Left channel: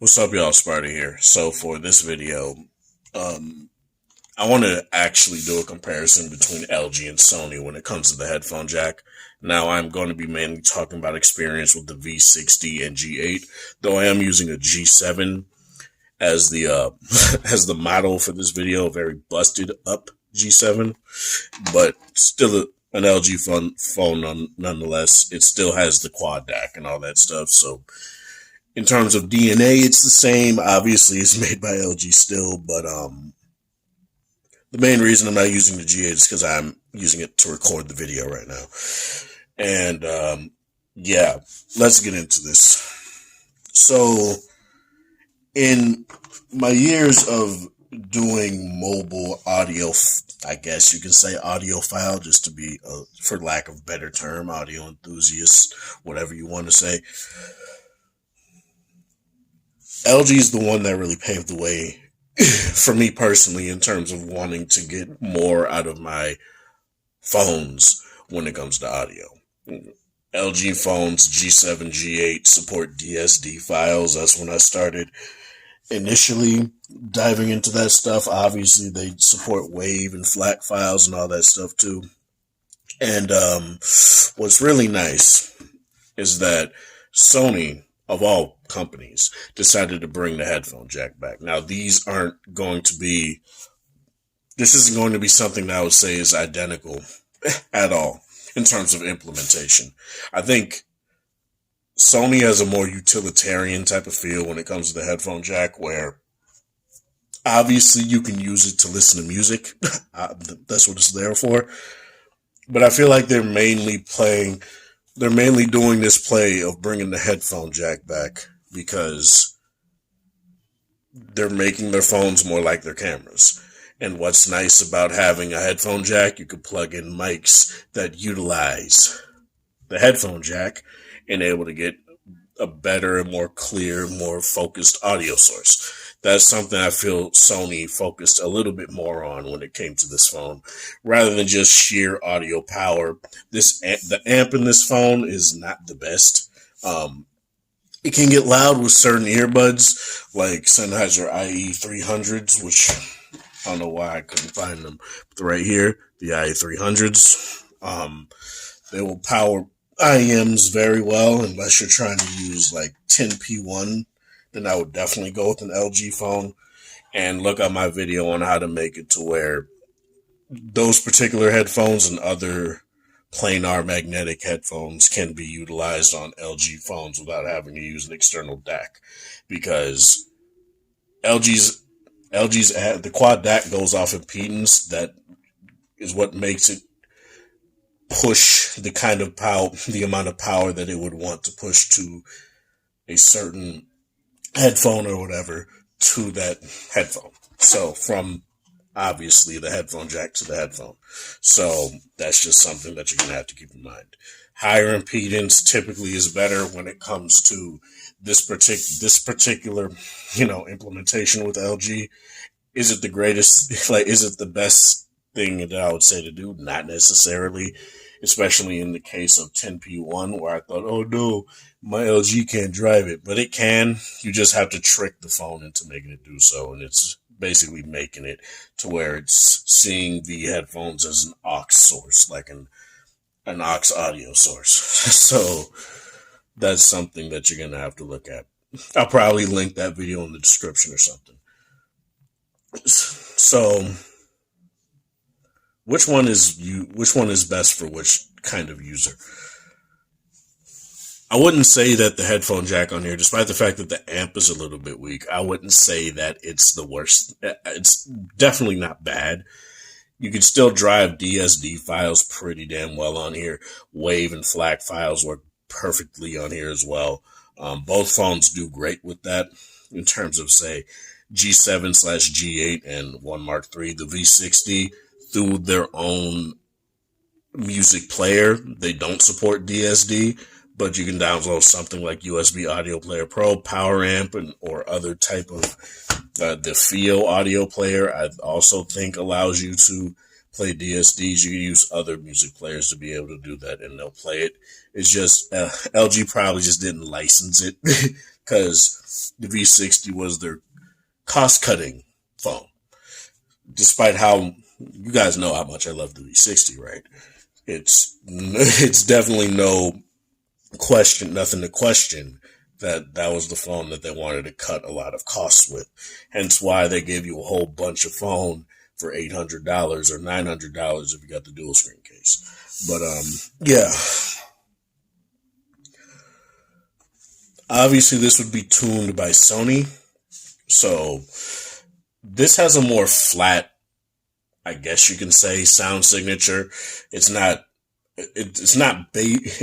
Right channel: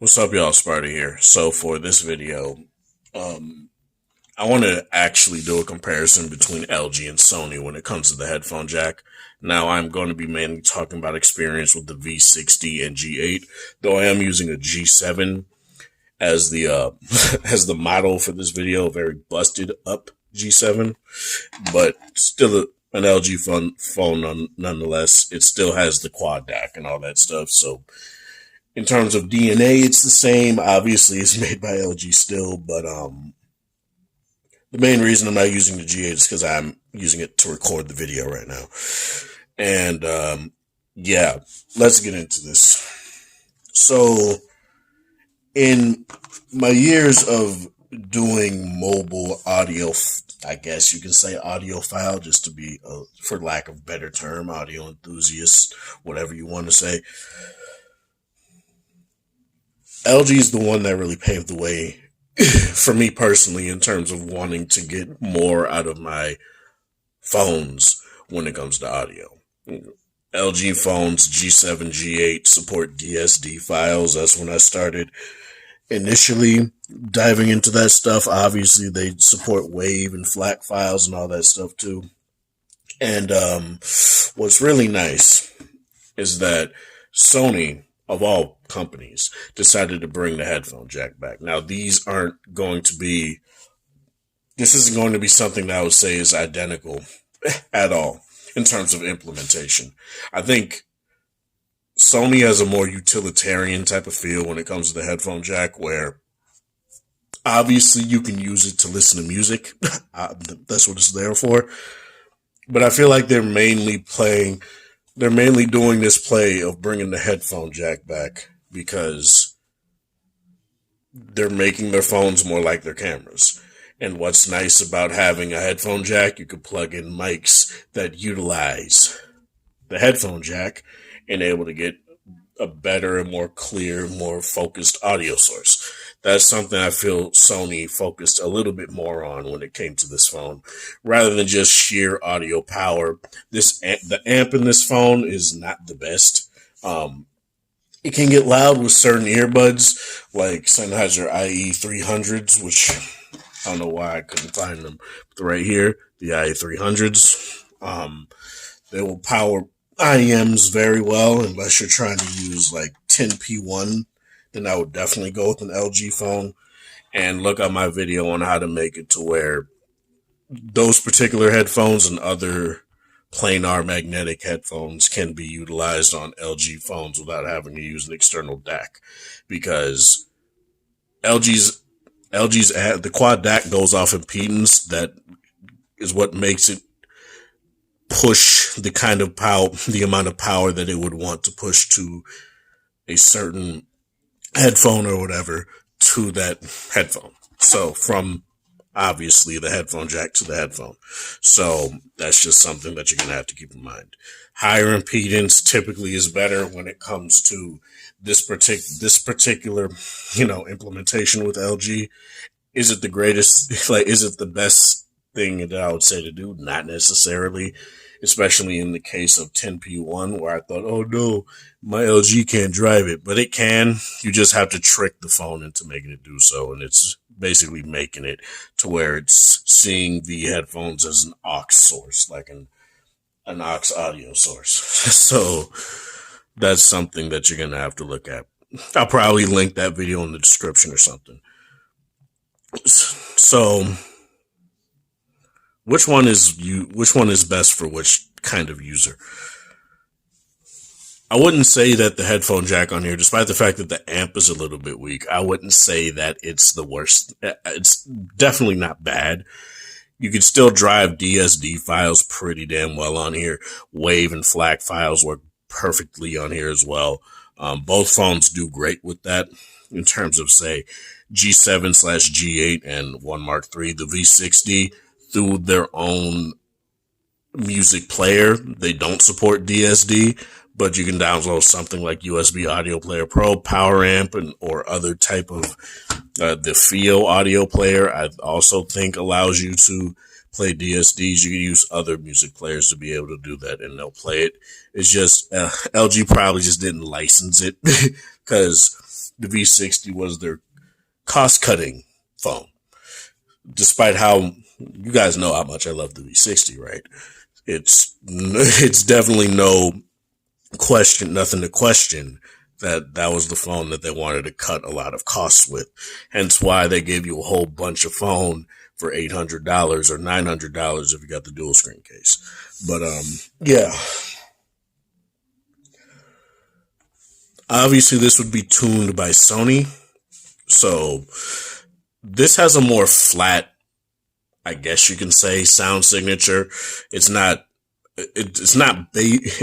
What's up, y'all? Sparta here. So for this video, I want to actually do a comparison between LG and Sony when it comes to the headphone jack. Now, I'm going to be mainly talking about experience with the V60 and G8, though I am using a G7 as the as the model for this video, a very busted up G7, but still an LG phone nonetheless. It still has the quad DAC and all that stuff, so in terms of DNA, it's the same. Obviously, it's made by LG still, but the main reason I'm not using the G8 is because I'm using it to record the video right now. And yeah, let's get into this. So, in my years of doing mobile audio, I guess you can say audiophile, just to be, for lack of a better term, audio enthusiast, whatever you want to say. LG is the one that really paved the way for me personally in terms of wanting to get more out of my phones when it comes to audio. LG phones, G7, G8 support DSD files. That's when I started initially diving into that stuff. Obviously, they support WAV and FLAC files and all that stuff too. And what's really nice is that Sony, of all companies, decided to bring the headphone jack back. Now, this isn't going to be something that I would say is identical at all in terms of implementation. I think Sony has a more utilitarian type of feel when it comes to the headphone jack, where obviously you can use it to listen to music. That's what it's there for. But I feel like they're mainly doing this play of bringing the headphone jack back because they're making their phones more like their cameras. And what's nice about having a headphone jack, you can plug in mics that utilize the headphone jack and able to get a better and more clear, more focused audio source. That's something I feel Sony focused a little bit more on when it came to this phone, rather than just sheer audio power. The amp in this phone is not the best. It can get loud with certain earbuds, like Sennheiser IE300s, which I don't know why I couldn't find them. But right here, the IE300s, they will power IEMs very well, unless you're trying to use like 10p1. Then I would definitely go with an LG phone, and look at my video on how to make it to where those particular headphones and other planar magnetic headphones can be utilized on LG phones without having to use an external DAC, because the quad DAC goes off impedance. That is what makes it push the kind of power, the amount of power that it would want to push to a certain headphone or whatever to that headphone. So from obviously the headphone jack to the headphone. So that's just something that you're going to have to keep in mind. Higher impedance typically is better when it comes to this particular, implementation with LG. Is it the greatest? Is it the best thing that I would say to do? Not necessarily, especially in the case of 10p1, where I thought, oh no, my LG can't drive it, but it can. You just have to trick the phone into making it do so, and it's basically making it to where it's seeing the headphones as an aux source, like an aux audio source. So that's something that you're gonna have to look at. I'll probably link that video in the description or something. So which one is best for which kind of user? I wouldn't say that the headphone jack on here, despite the fact that the amp is a little bit weak, I wouldn't say that it's the worst. It's definitely not bad. You can still drive DSD files pretty damn well on here. WAV and FLAC files work perfectly on here as well. Both phones do great with that in terms of, say, G7/G8 and One Mark III. The V60, through their own music player, they don't support DSD, but you can download something like USB Audio Player Pro, Power Amp, or other type of the Fio audio player. I also think allows you to play DSDs. You can use other music players to be able to do that, and they'll play it. It's just LG probably just didn't license it because the V60 was their cost-cutting phone. Despite how, you guys know how much I love the V60, right? It's definitely nothing to question that was the phone that they wanted to cut a lot of costs with. Hence why they gave you a whole bunch of phone for $800 or $900 if you got the dual screen case. But yeah. Obviously, this would be tuned by Sony. So this has a more flat, I guess you can say, sound signature. It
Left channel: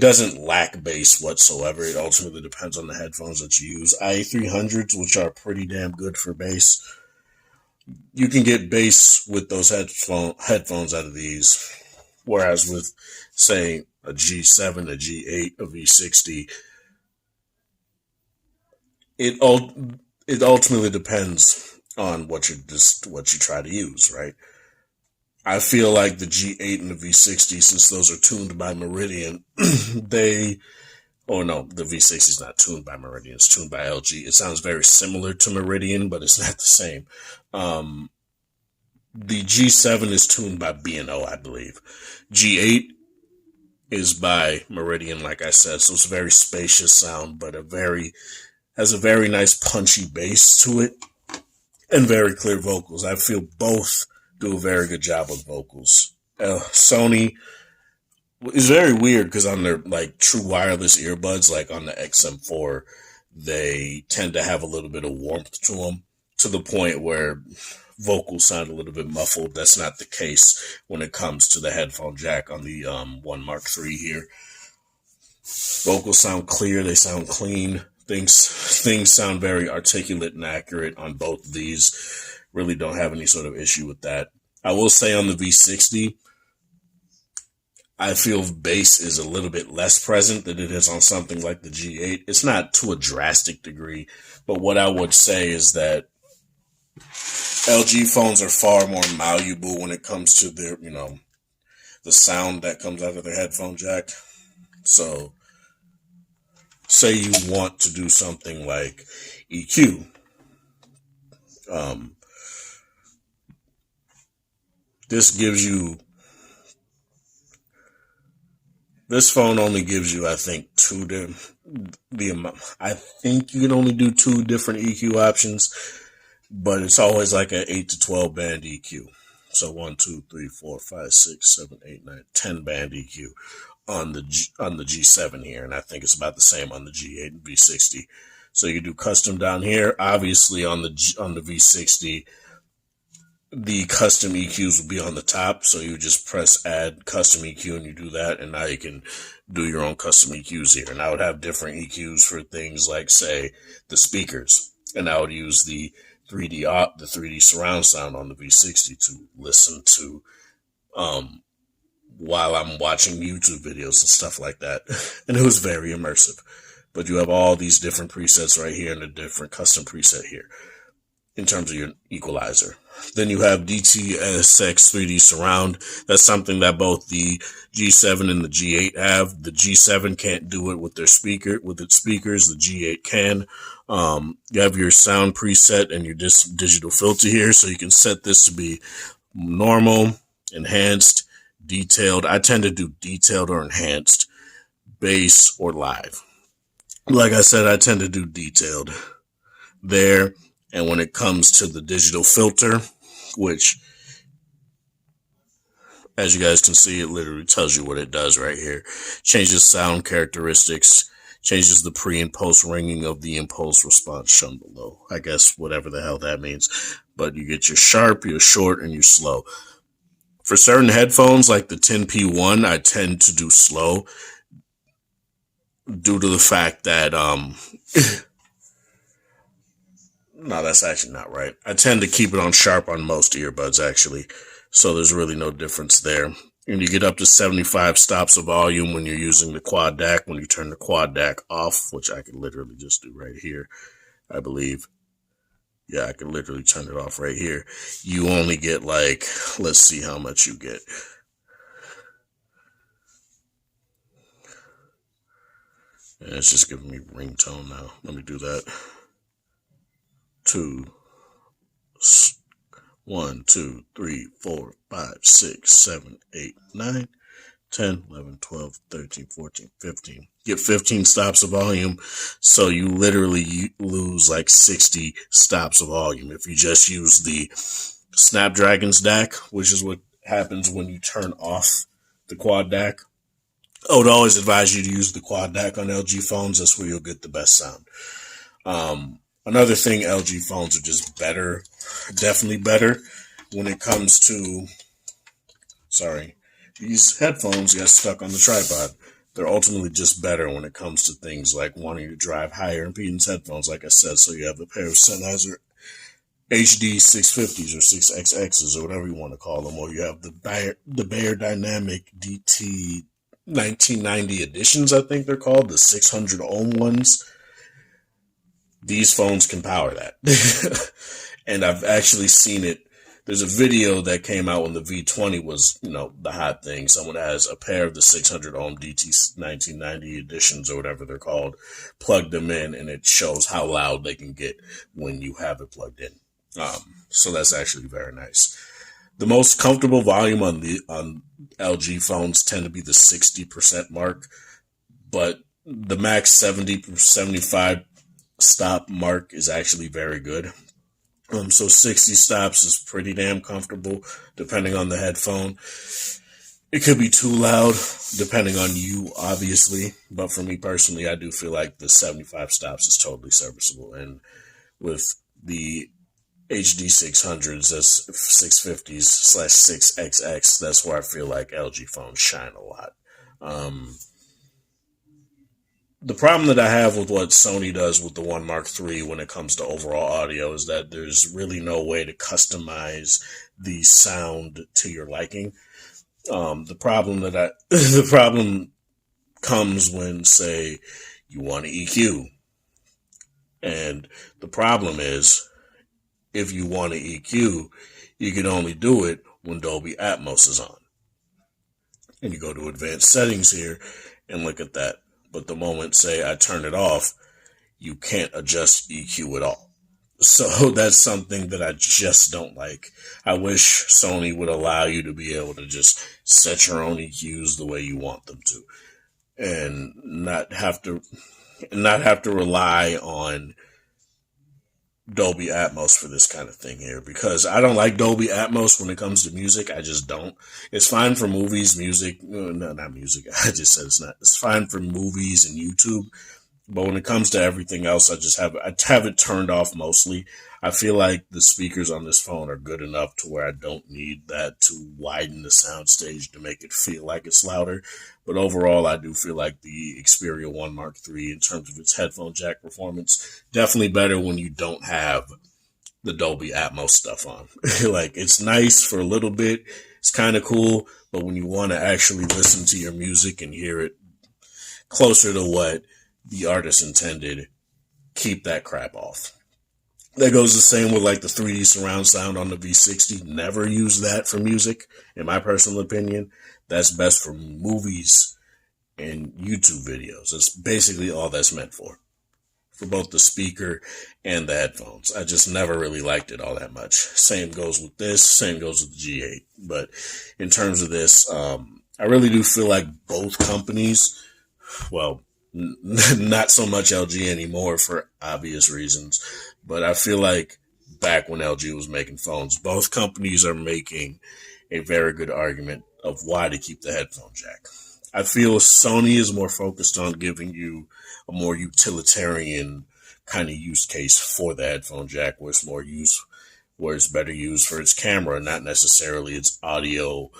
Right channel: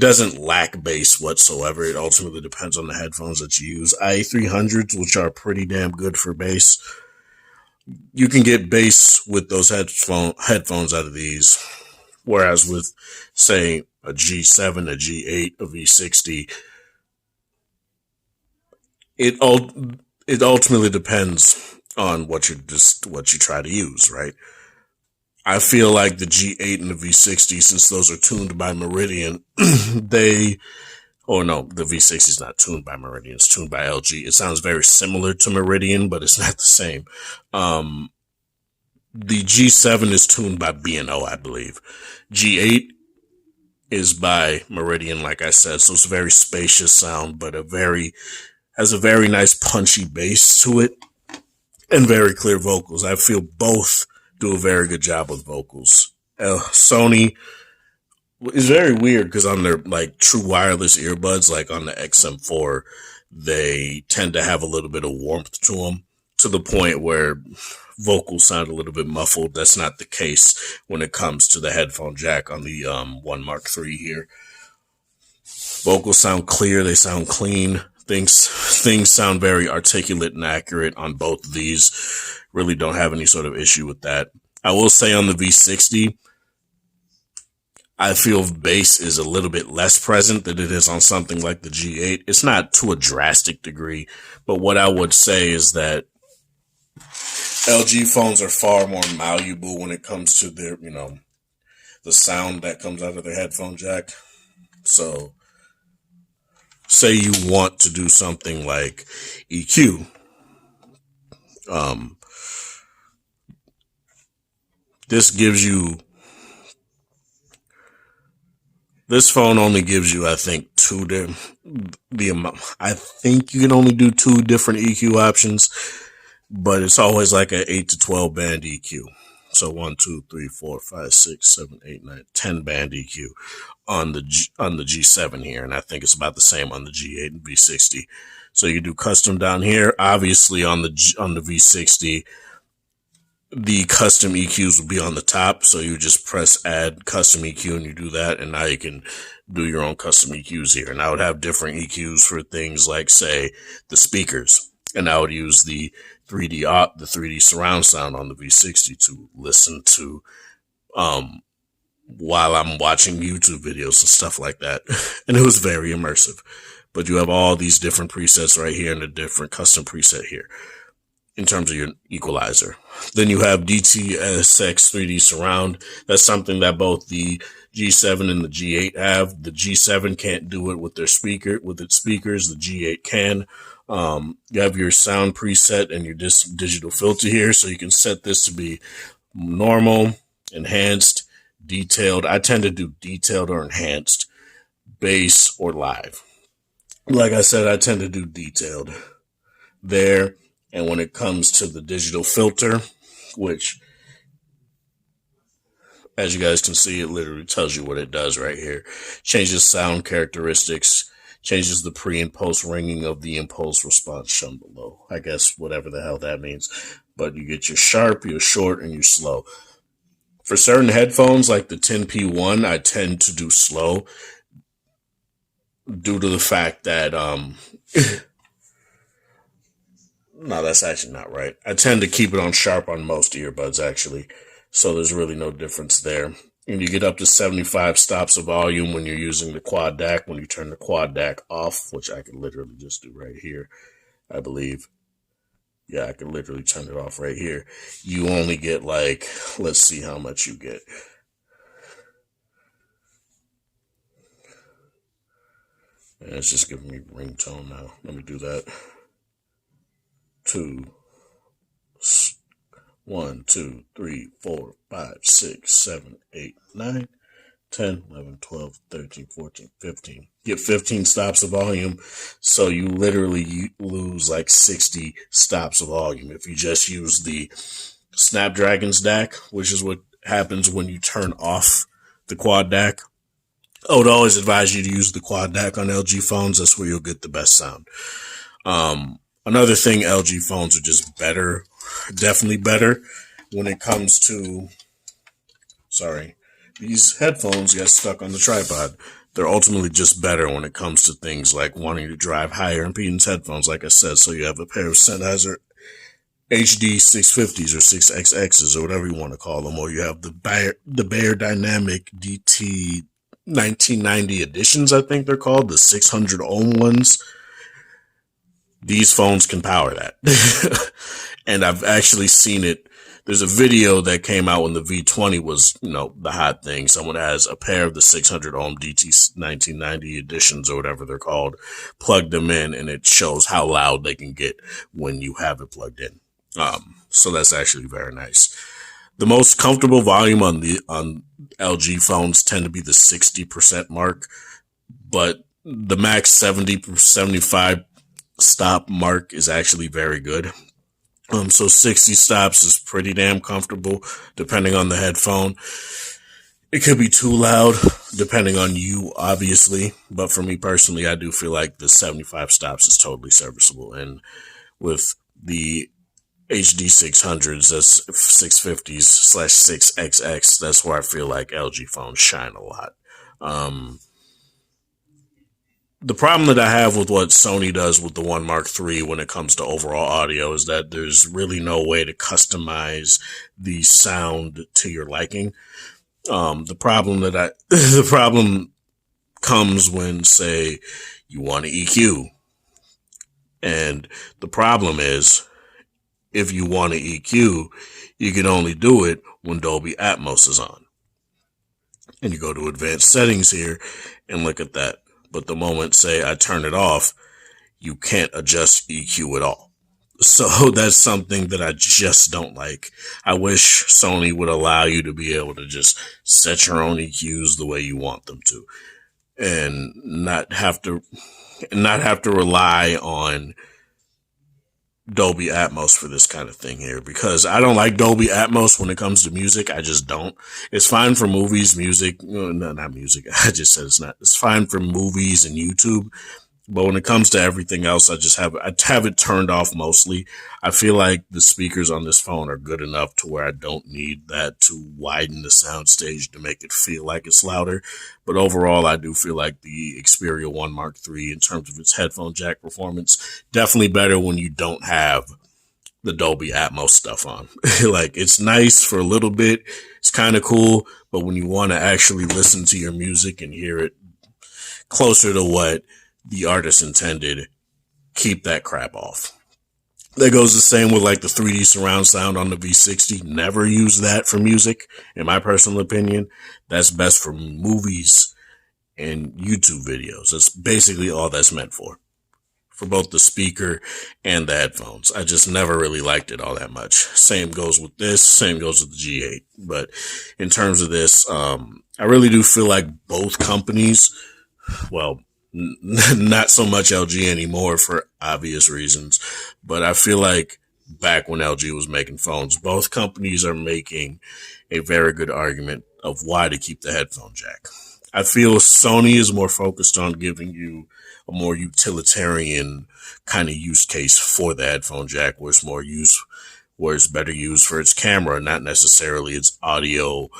doesn't lack bass whatsoever. It ultimately depends on the headphones that you use. IA300s, which are pretty damn good for bass. You can get bass with those headphones out of these. Whereas with, say, a G7, a G8, a V60, it ultimately depends on what you try to use, right? I feel like the G8 and the V60, since those are tuned by Meridian, the V60 is not tuned by Meridian, it's tuned by LG. It sounds very similar to Meridian, but it's not the same. The G7 is tuned by B&O, I believe. G8 is by Meridian, like I said, so it's a very spacious sound, but has a very nice punchy bass to it and very clear vocals. I feel both do a very good job with vocals. Sony is very weird because on their like true wireless earbuds, like on the XM4, they tend to have a little bit of warmth to them to the point where vocals sound a little bit muffled. That's not the case when it comes to the headphone jack on the One Mark III here. Vocals sound clear. They sound clean. Things sound very articulate and accurate on both of these. Really don't have any sort of issue with that. I will say on the V60, I feel bass is a little bit less present than it is on something like the G8. It's not to a drastic degree, but what I would say is that LG phones are far more malleable when it comes to their, the sound that comes out of their headphone jack. So, say you want to do something like EQ. This phone only gives you, I think, I think you can only do 2 different EQ options, but it's always like an 8 to 12 band EQ. So 1, 2, 3, 4, 5, 6, 7, 8, 9, 10 band EQ on the G7 here, and I think it's about the same on the G8 and V60. So you do custom down here. Obviously on the V60, the custom EQs will be on the top, so you just press add custom EQ and you do that, and now you can do your own custom EQs here. And I would have different EQs for things like, say, the speakers, and I would use the 3D surround sound on the V60 to listen to while I'm watching YouTube videos and stuff like that. And it was very immersive. But you have all these different presets right here and a different custom preset here in terms of your equalizer. Then you have DTSX 3D surround. That's something that both the G7 and the G8 have. The G7 can't do it with its speakers. The G8 can. You have your sound preset and your digital filter here. So you can set this to be normal, enhanced, detailed. I tend to do detailed or enhanced, bass, or live. Like I said, I tend to do detailed there. And when it comes to the digital filter, which, as you guys can see, it literally tells you what it does right here. Changes sound characteristics, changes the pre and post ringing of the impulse response shown below. I guess whatever the hell that means. But you get your sharp, your short, and your slow. For certain headphones, like the 10P1, I tend to do slow due to the fact that, no, that's actually not right. I tend to keep it on sharp on most earbuds, actually. So there's really no difference there. And you get up to 75 stops of volume when you're using the quad DAC. When you turn the quad DAC off, which I can literally just do right here, I believe. Yeah, I can literally turn it off right here. You only get like, let's see how much you get. And it's just giving me ringtone now. Let me do that. 2, 1, 2, 3, 4, 5, 6, 7, 8, 9, 10, 11, 12, 13, 14, 15. Get 15 stops of volume, so you literally lose like 60 stops of volume if you just use the Snapdragon's DAC, which is what happens when you turn off the quad DAC. I would always advise you to use the quad DAC on LG phones. That's where you'll get the best sound. Another thing, LG phones are just better, definitely better when it comes to, these headphones got stuck on the tripod. They're ultimately just better when it comes to things like wanting to drive higher impedance headphones, like I said. So you have a pair of Sennheiser HD 650s or 6XXs or whatever you want to call them, or you have the Bayer Dynamic DT 1990 editions, I think they're called, the 600 ohm ones. These phones can power that. And I've actually seen it. There's a video that came out when the V20 was, the hot thing. Someone has a pair of the 600 ohm DT 1990 editions or whatever they're called, plugged them in, and it shows how loud they can get when you have it plugged in. So that's actually very nice. The most comfortable volume on LG phones tend to be the 60% mark, but the max 75 stop mark is actually very good. So 60 stops is pretty damn comfortable, depending on the headphone. It could be too loud, depending on you, obviously. But for me personally, I do feel like the 75 stops is totally serviceable. And with the HD 600s, that's 650s/6XX, that's where I feel like LG phones shine a lot. The problem that I have with what Sony does with the One Mark III when it comes to overall audio is that there's really no way to customize the sound to your liking. The problem comes when, say, you want to EQ. And the problem is, if you want to EQ, you can only do it when Dolby Atmos is on. And you go to advanced settings here and look at that. But the moment, say, I turn it off, you can't adjust EQ at all. So that's something that I just don't like. I wish Sony would allow you to be able to just set your own EQs the way you want them to, and not have to rely on Dolby Atmos for this kind of thing here, because I don't like Dolby Atmos when it comes to music. I just don't. It's fine for movies, music, not music. I just said it's not. It's fine for movies and YouTube, but when it comes to everything else, I have it turned off mostly. I feel like the speakers on this phone are good enough to where I don't need that to widen the soundstage to make it feel like it's louder. But overall, I do feel like the Xperia One Mark III, in terms of its headphone jack performance, definitely better when you don't have the Dolby Atmos stuff on. Like, it's nice for a little bit. It's kind of cool. But when you want to actually listen to your music and hear it closer to what the artist intended, keep that crap off. That goes the same with like the 3D surround sound on the V60. Never use that for music, in my personal opinion. That's best for movies and YouTube videos. That's basically all that's meant for both the speaker and the headphones. I just never really liked it all that much. Same goes with this, same goes with the G8. But in terms of this, I really do feel like both companies, well, not so much LG anymore for obvious reasons, but I feel like back when LG was making phones, both companies are making a very good argument of why to keep the headphone jack. I feel Sony is more focused on giving you a more utilitarian kind of use case for the headphone jack, where it's better used for its camera, not necessarily its audio,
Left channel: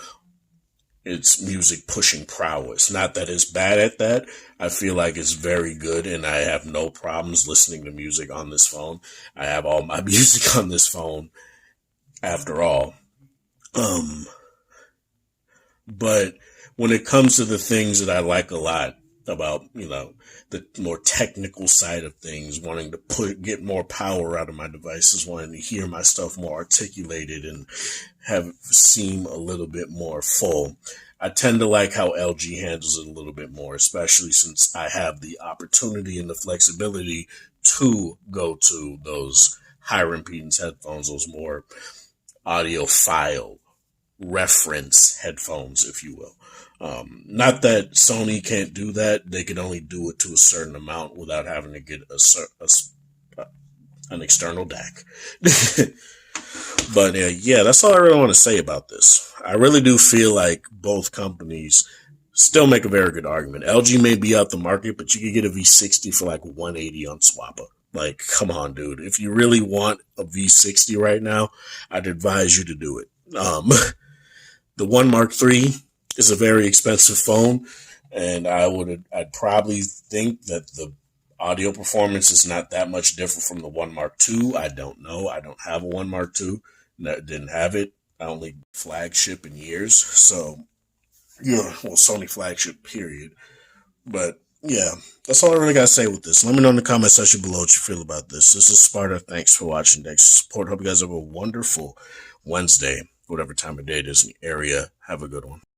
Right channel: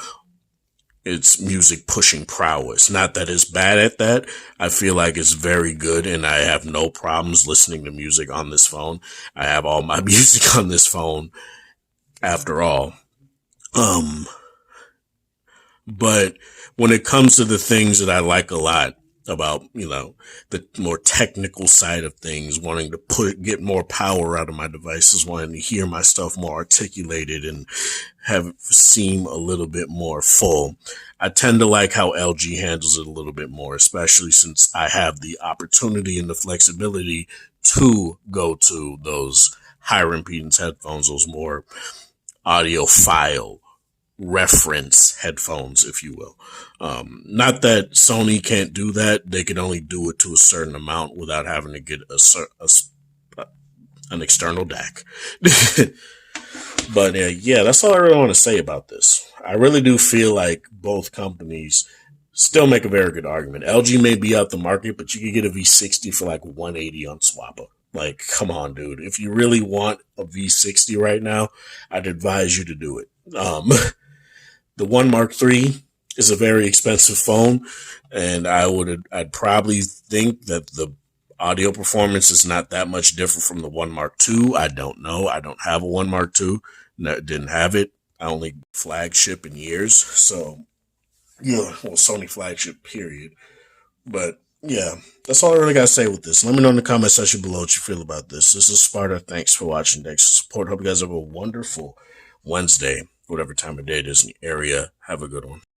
its music pushing prowess. Not that it's bad at that. I feel like it's very good, and I have no problems listening to music on this phone. I have all my music on this phone, after all. But when it comes to the things that I like a lot, about, the more technical side of things, wanting to get more power out of my devices, wanting to hear my stuff more articulated and have seem a little bit more full. I tend to like how LG handles it a little bit more, especially since I have the opportunity and the flexibility to go to those higher impedance headphones, those more audiophile reference headphones, if you will. Not that Sony can't do that; they can only do it to a certain amount without having to get an external DAC. But yeah, that's all I really want to say about this. I really do feel like both companies still make a very good argument. LG may be out the market, but you could get a V60 for like 180 on Swappa. Like, come on, dude. If you really want a V60 right now, I'd advise you to do it. The One Mark III is a very expensive phone, and I'd probably think that the audio performance is not that much different from the One Mark II. I don't know. I don't have a One Mark II. Didn't have it. I only flagship in years. So, yeah, well, Sony flagship, period. But, yeah, that's all I really got to say with this. Let me know in the comment section below what you feel about this. This is Sparta. Thanks for watching. Thanks for support. Hope you guys have a wonderful Wednesday, whatever time of day it is in the area. Have a good one.